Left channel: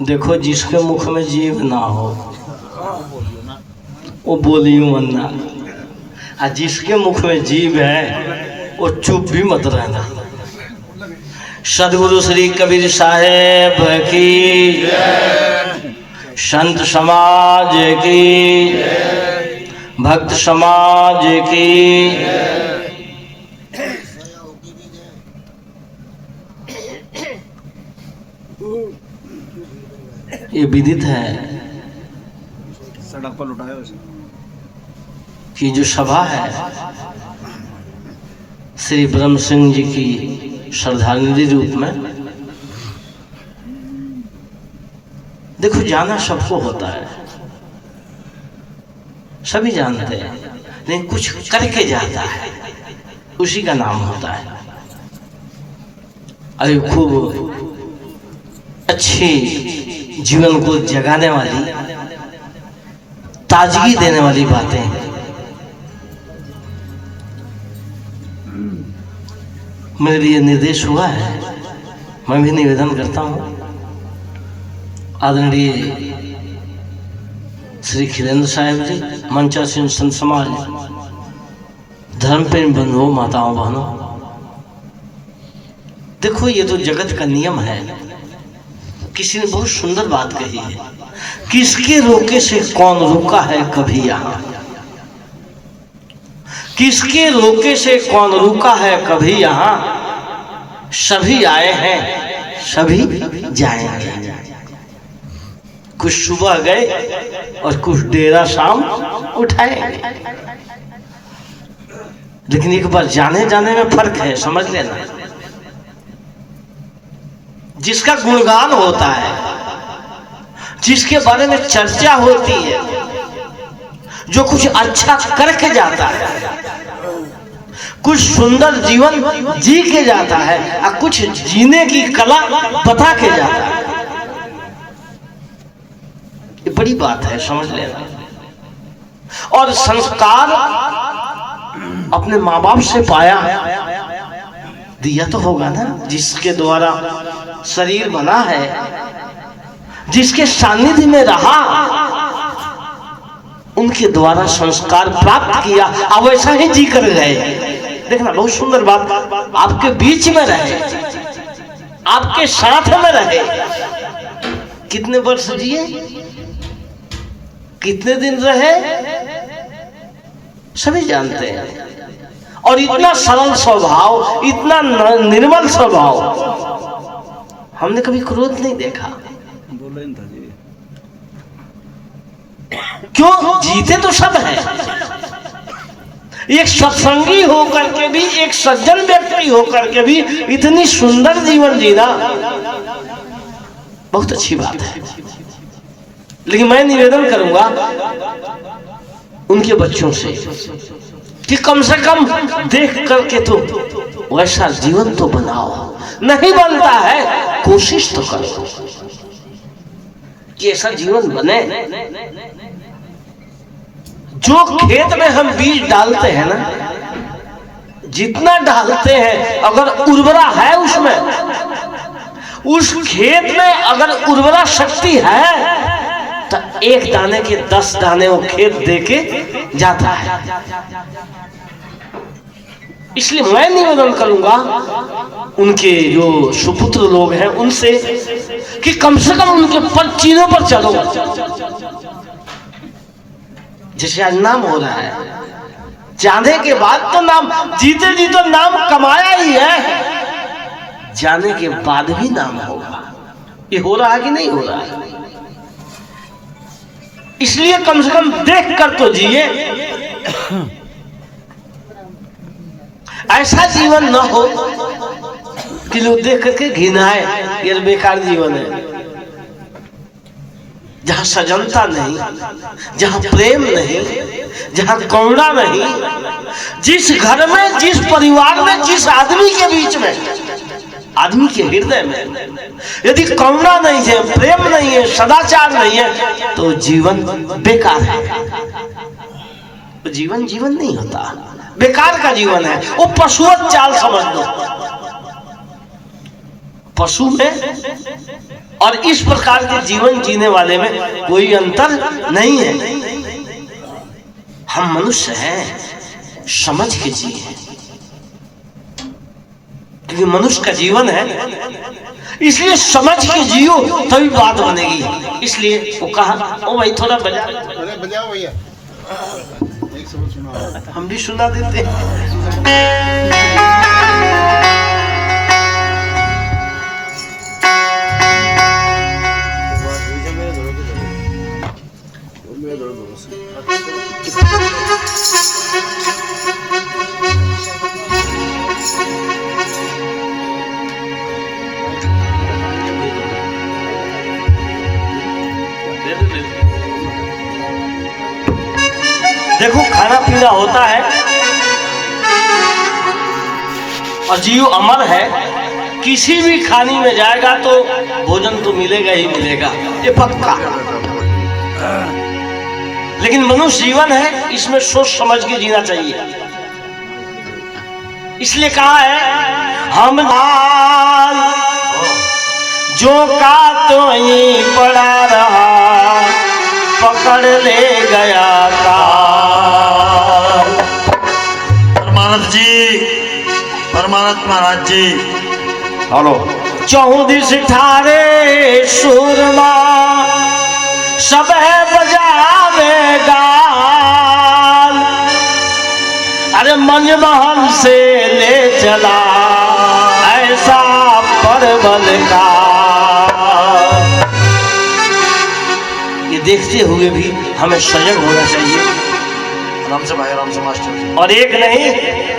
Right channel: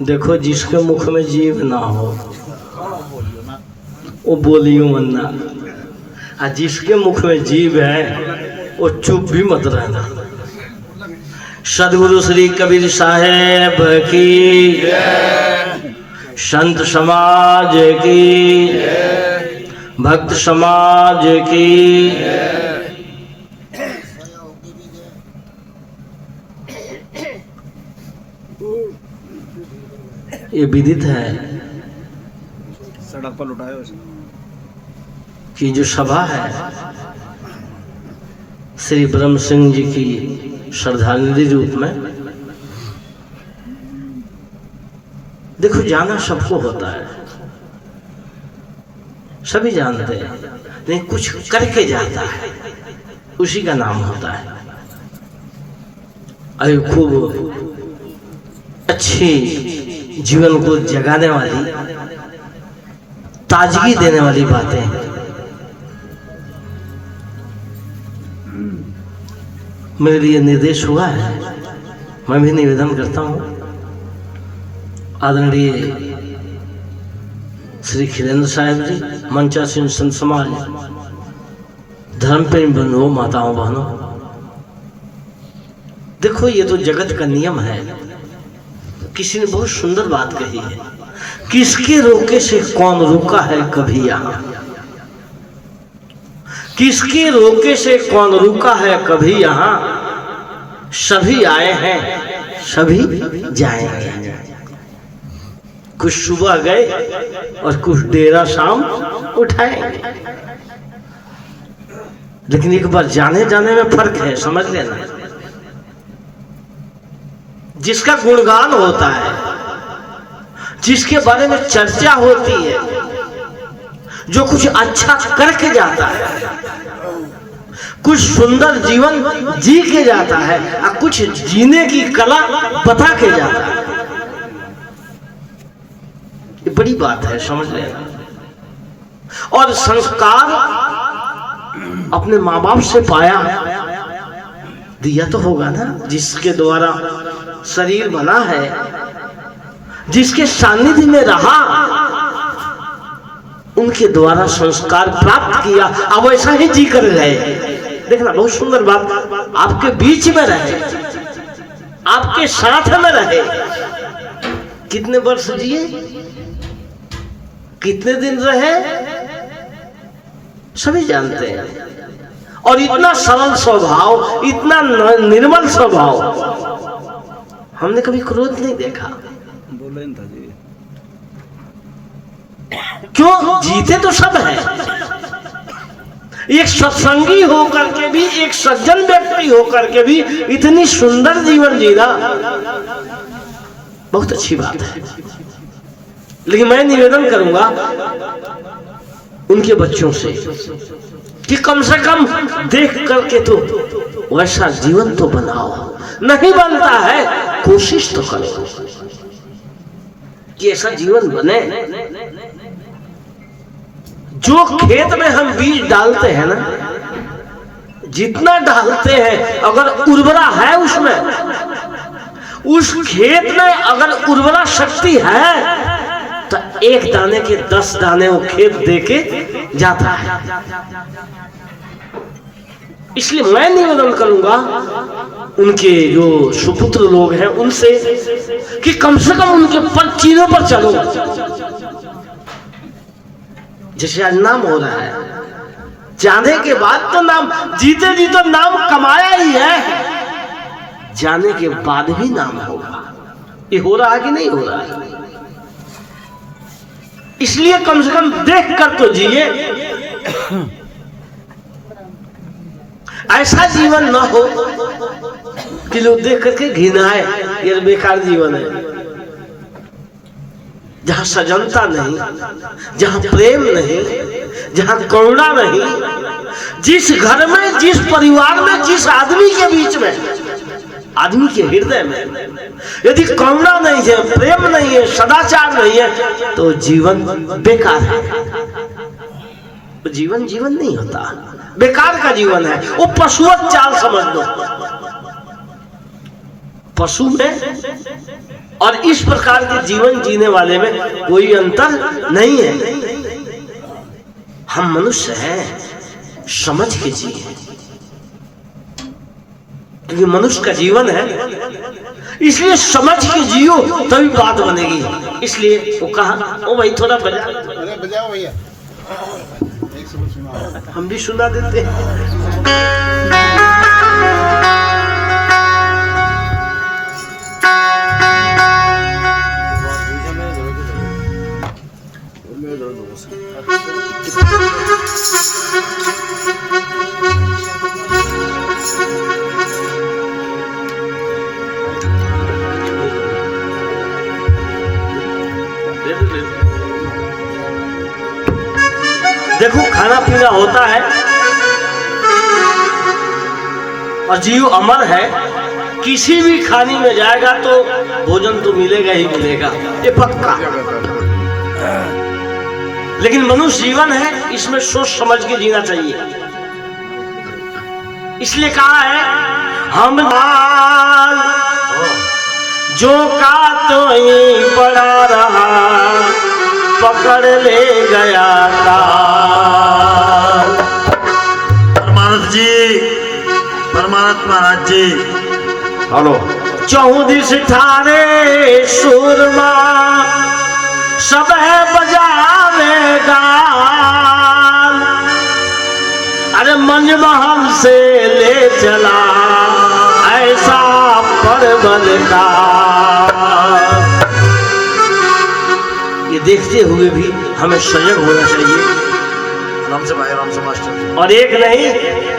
देखो जिसके मुख में जीभ ना हो वो बोलियो मन्ना, और जिसके मुख में जीभ है वो चुप भी मत रहना। सदगुरु श्री कबीर साहेब की, संत समाज की, भक्त समाज की। ये विदित है सड़क पर लुटाया कि जो सभा है श्री ब्रह्म सिंह जी की श्रद्धांजलि रूप में, देखो जाना सबको होता है, सभी जानते हैं, लेकिन कुछ करके जाता है उसी का नाम होता है। अरे खूब अच्छी जीवन को जगाने वाली, ताजगी देने वाली बातें मेरे लिए निर्देश हुआ है। मैं भी निवेदन करता हूं, आदरणीय श्री खिलेंद्र साहब जी, मंचासीन संत समाज, धर्म प्रेम बंधुओं, माताओं बहनों, देखो ये तो जगत का नियम है। किसी ने बहुत सुंदर बात कही है, किसके रोके से कौन रुका है कभी यहाँ, किसके रोके से कौन रुका है कभी यहाँ, सभी आए हैं सभी जाएंगे। कुछ सुबह गए और कुछ डेरा शाम उठाएंगे, लेकिन एक बार जाने जाने में फर्क है, समझ लेना। जिसका गुणगान होता है, जिसके बारे में चर्चा होती है, जो कुछ अच्छा करके जाता है, कुछ सुंदर जीवन जी के जाता है, और कुछ जीने की कला बता के जाता है, ये बड़ी बात है, समझ लेना। और संस्कार अपने माँ बाप से पाया, दिया तो होगा ना, जिसके द्वारा शरीर बना है, जिसके सानिध्य में रहा, उनके द्वारा संस्कार प्राप्त किया, अब वैसा ही जी कर गए। देखना बहुत सुंदर बात, आपके बीच में रहे, आपके साथ में रहे, कितने वर्ष जिए, कितने दिन रहे, सभी जानते हैं। और इतना सरल स्वभाव, इतना निर्मल स्वभाव, हमने कभी क्रोध नहीं देखा। बोले था जी, क्यों? जीते तो सब है। एक सत्संगी होकर के भी, एक सज्जन व्यक्ति होकर के भी इतनी सुंदर जीवन जीना बहुत अच्छी बात है। लेकिन मैं निवेदन करूंगा उनके बच्चों से कि कम से कम देख करके तो वैसा जीवन तो बनाओ। नहीं बनता है, कोशिश तो करो कि ऐसा जीवन बने। जो खेत में हम बीज डालते हैं ना, जितना डालते हैं, अगर उर्वरा है उसमें, उस खेत में अगर उर्वरा शक्ति है, तो एक दाने के 10 दाने वो खेत देके जाता है। इसलिए मैं निवेदन करूंगा उनके जो सुपुत्र लोग हैं उनसे कि कम से कम उनके चिन्हों पर चलो। जैसे आज नाम हो रहा है, जाने के बाद तो नाम, जीते जी तो नाम कमाया ही है, जाने के बाद भी नाम होगा। ये हो रहा है कि नहीं हो रहा है? इसलिए कम से कम देख कर तो जिए। ऐसा जीवन न हो कि लोग देख करके घिनाए, ये बेकार जीवन है। जहां सजनता नहीं, जहां प्रेम नहीं, जहां करुणा नहीं, जिस घर में, जिस परिवार में, जिस आदमी के बीच में, आदमी के हृदय में यदि करुणा नहीं है, प्रेम नहीं है, सदाचार नहीं है, तो जीवन बेकार है। तो जीवन जीवन नहीं होता, बेकार का जीवन है। वो पशुवत चाल समझ लो। पशु में और इस प्रकार के जीवन जीने वाले में कोई अंतर नहीं है। हम मनुष्य हैं, समझ के जिए, क्योंकि मनुष्य का जीवन है, इसलिए समझ के जियो तभी बात बनेगी। इसलिए वो कहा, ओ भाई थोड़ा बजाओ भैया, हम भी सुना देते हैं। देखो खाना पीना होता है और जीव अमर है, किसी भी खानी में जाएगा तो भोजन तो मिलेगा ही मिलेगा, ये पक्का। लेकिन मनुष्य जीवन है, इसमें सोच समझ के जीना चाहिए। इसलिए कहा है, हम हाल जो का तो ये पड़ा रहा, पकड़ ले गया काल। परमानंद जी, परमानंद महाराज जी, हेलो। 14 ठारे सूरमा सब है बजावे गाल, अरे मंजमहल से ले चला ऐसा परवल का। ये देखते हुए भी हमें सजग होना चाहिए। आराम से भाई, आराम से मास्टर। और एक नहीं,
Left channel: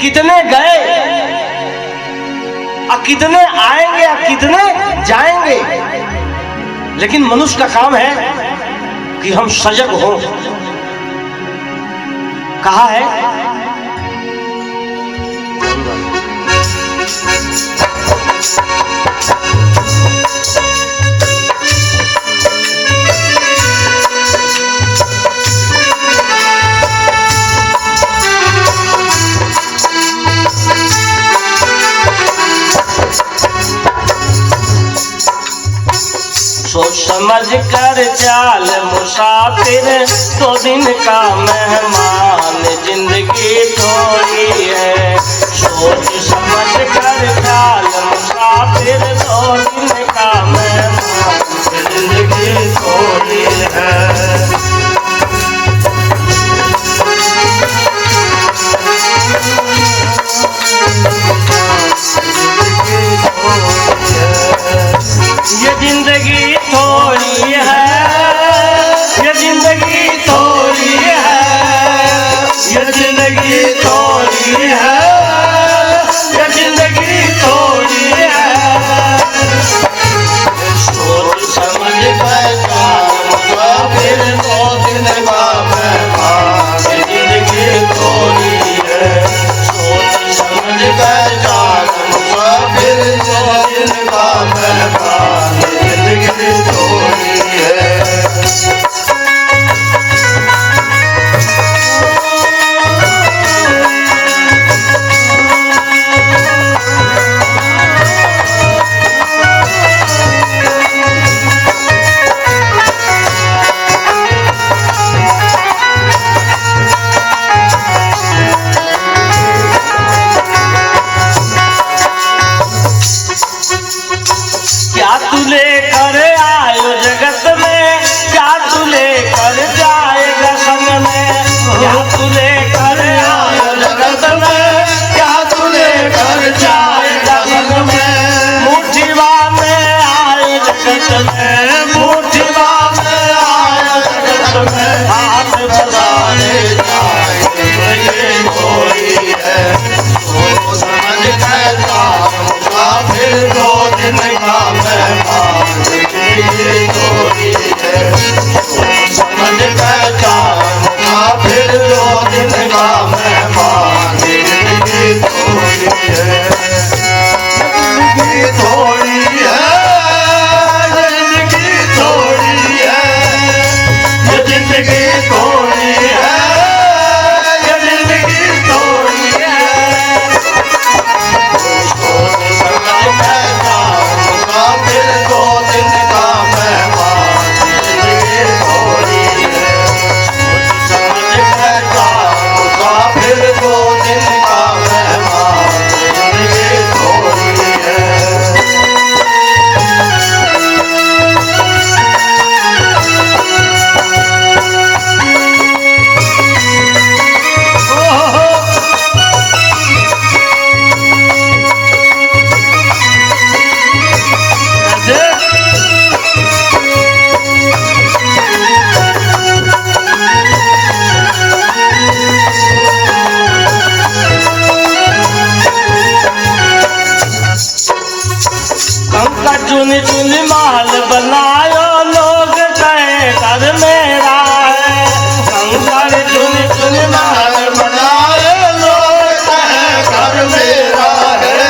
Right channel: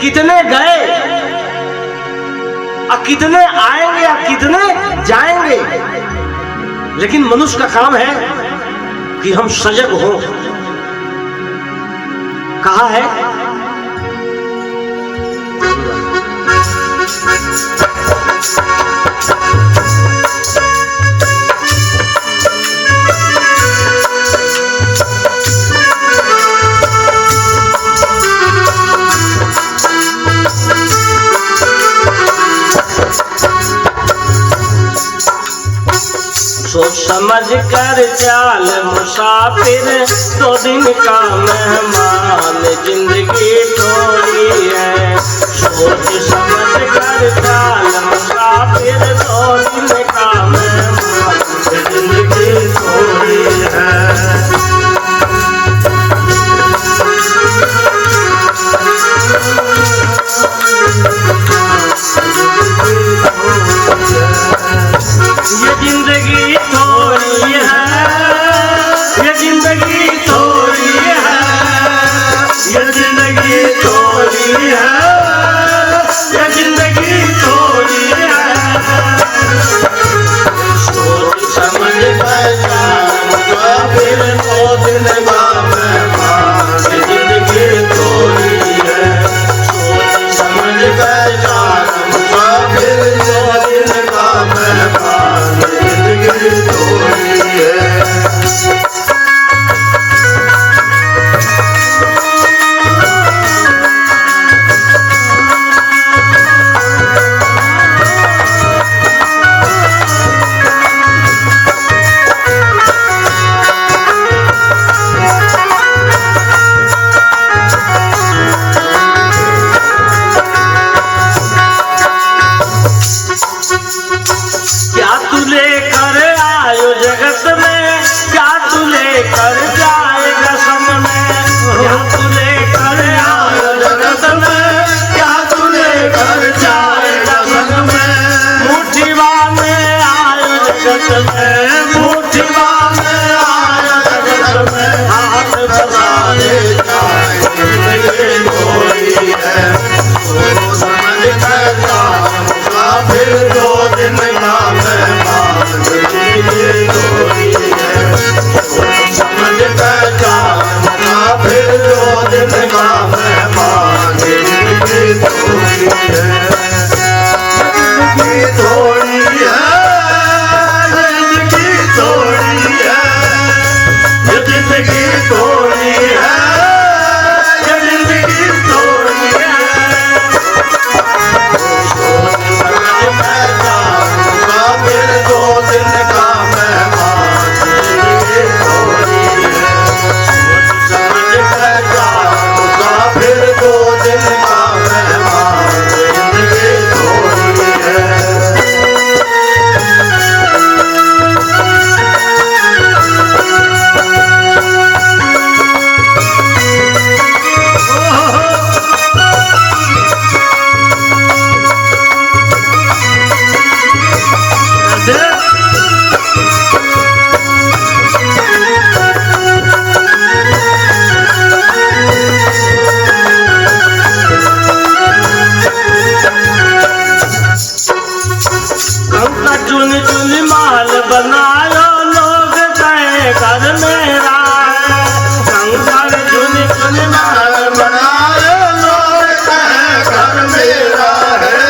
कितने गए और कितने आएंगे और कितने जाएंगे, लेकिन मनुष्य का काम है कि हम सजग हों। कहा है, सोच समझ कर चाल मुसाफिर, 2 दिन का मेहमान जिंदगी थोड़ी है। सोच समझ कर चाल मुसाफिर, 2 दिन का मेहमान जिंदगी थोड़ी है। ये जिंदगी थोड़ी है, ये जिंदगी थोड़ी है, ये जिंदगी थोड़ी है, ये जिंदगी थोड़ी है। सोच समझ कर फिर 2 दिन का मेहमान जिंदगी थोड़ी है। सोच समझ कर फिर 2 दिन का मेहमान जिंदगी थोड़ी है। क्या तू लेकर आयो जगत में, क्या तू लेकर जाएगा संग में। क्या तू लेकर आयो जगत में, क्या तू लेकर जाएगा संग में। मुट्ठी में आयो जगत में, मुट्ठी में आयो जगत में। हाथ बजाने जाए थोड़ी है। सोच समझ कर फिर 2 दिन का मेहमान जिंदगी थोड़ी है। सोच समझ कर फिर 2 दिन का मेहमान जिंदगी थोड़ी है। जिंदगी थोड़ी है, जिंदगी थोड़ी है, ये जिंदगी थोड़ी है, ये जिंदगी थोड़ी है। सोच समझ कर कंका चुन चुन महल बनायो लोग कहे घर मेरा है। कंका चुन चुन महल बनायो लोग कहे घर मेरा है।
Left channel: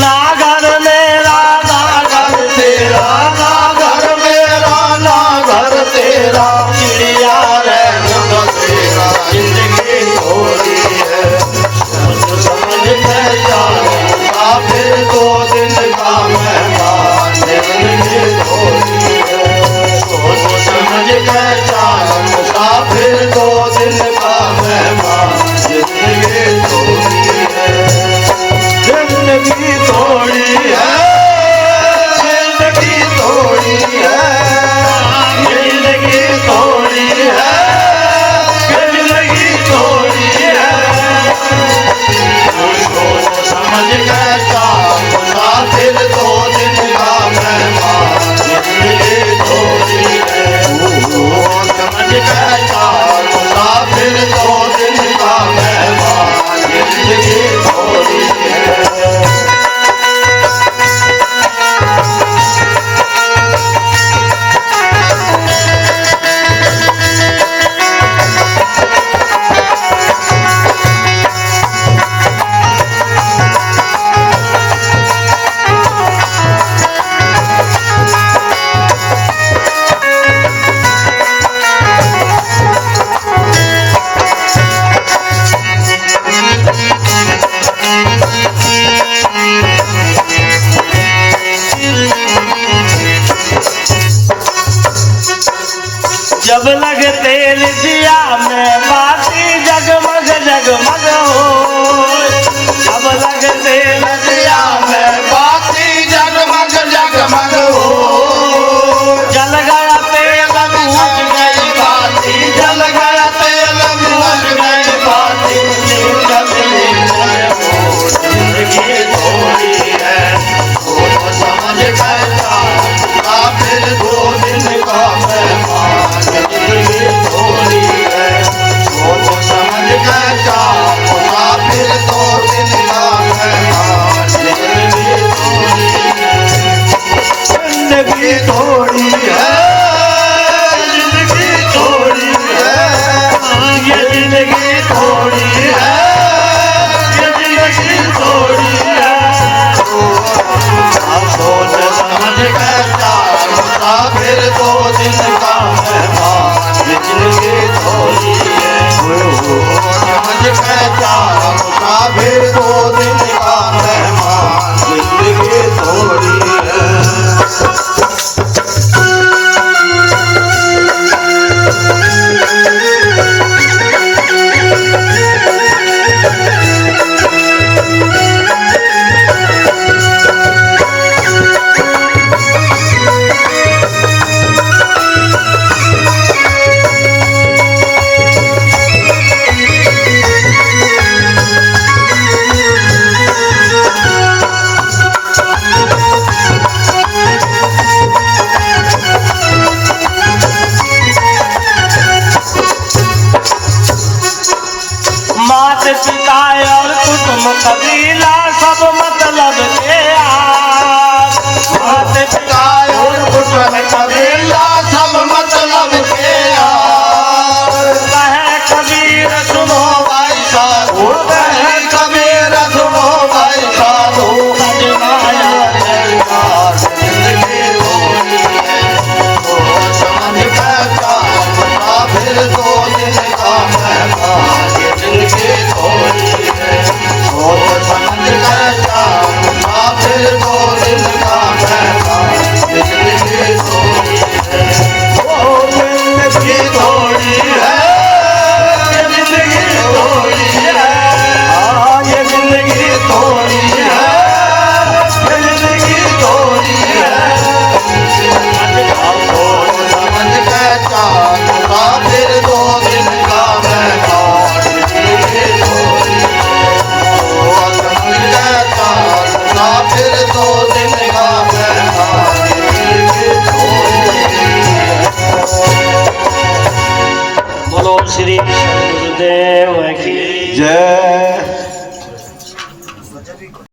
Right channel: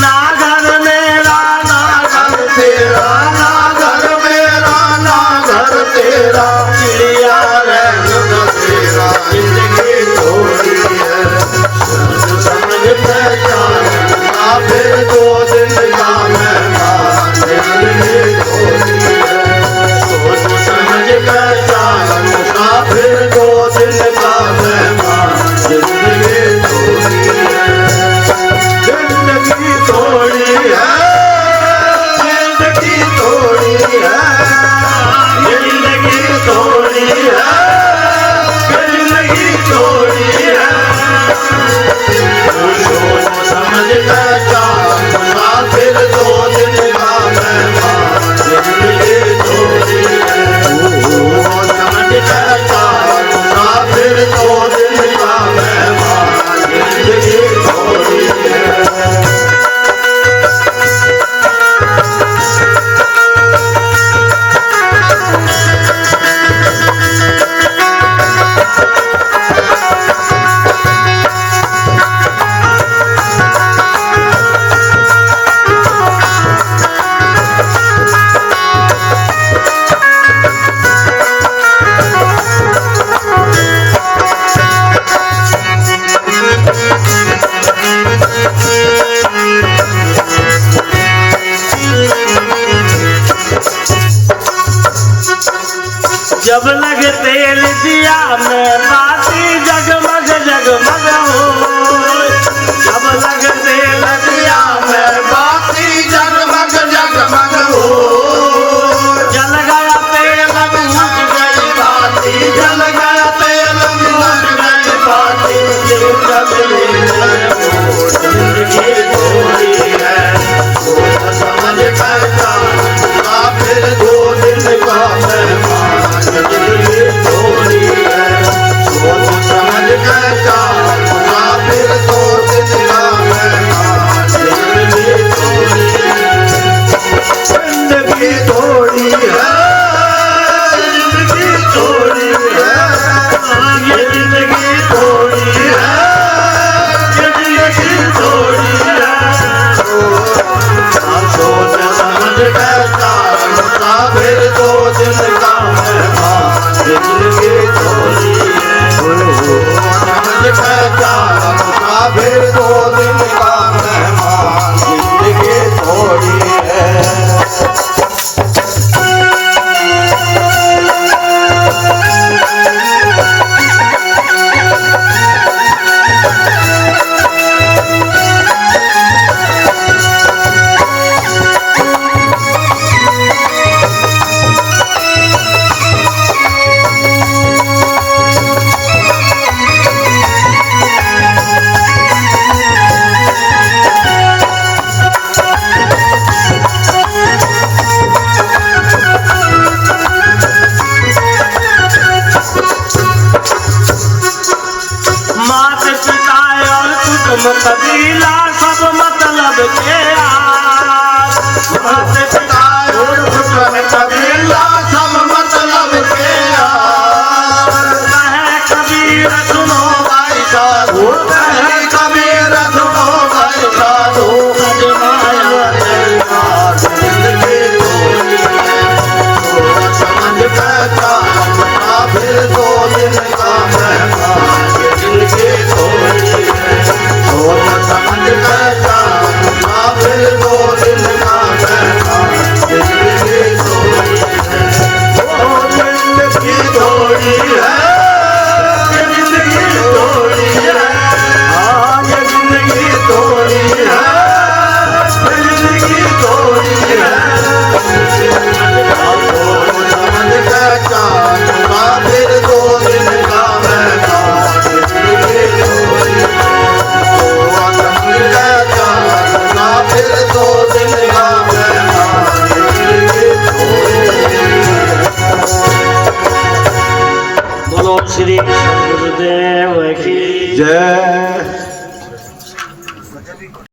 ना घर मेरा ना घर तेरा, ना घर मेरा ना घर तेरा, चिड़िया रैन बसेरा जिंदगी थोड़ी है। सोच समझ पहचान फिर 2 दिन का मेहमान जिंदगी थोड़ी है। सोच समझ पहचान फिर 2 दिन का मेहमान जिंदगी थोड़ी है। जिंदगी थोड़ी है, जिंदगी थोड़ी है, जिंदगी थोड़ी है, जिंदगी थोड़ी है। सोच समझ पहचान फिर 2 दिन का मेहमान जिंदगी थोड़ी है। सोच समझ पहचान फिर 2 दिन का मेहमान जिंदगी थोड़ी है। जब लग तेल दिया में बाती जगमग जगमग हो। जब लग तेल दिया में बाती जगमग जगमग हो। जल गया तेल बुझ गई बाती, जल गया तेल बुझ गई बाती। जिंदगी थोड़ी है, सोच समझ पहचान फिर 2 दिन का मेहमान जिंदगी थोड़ी है। सोच समझ पहचान फिर 2 दिन का मेहमान जिंदगी थोड़ी है। जिंदगी थोड़ी है, जिंदगी थोड़ी है, ये जिंदगी थोड़ी है, ये जिंदगी थोड़ी है। सोच समझ पहचान फिर 2 दिन का मेहमान जिंदगी थोड़ी है। सोच समझ पहचान फिर 2 दिन का मेहमान जिंदगी थोड़ी है। मात पिता और कुटुंब कबीला सब मतलब के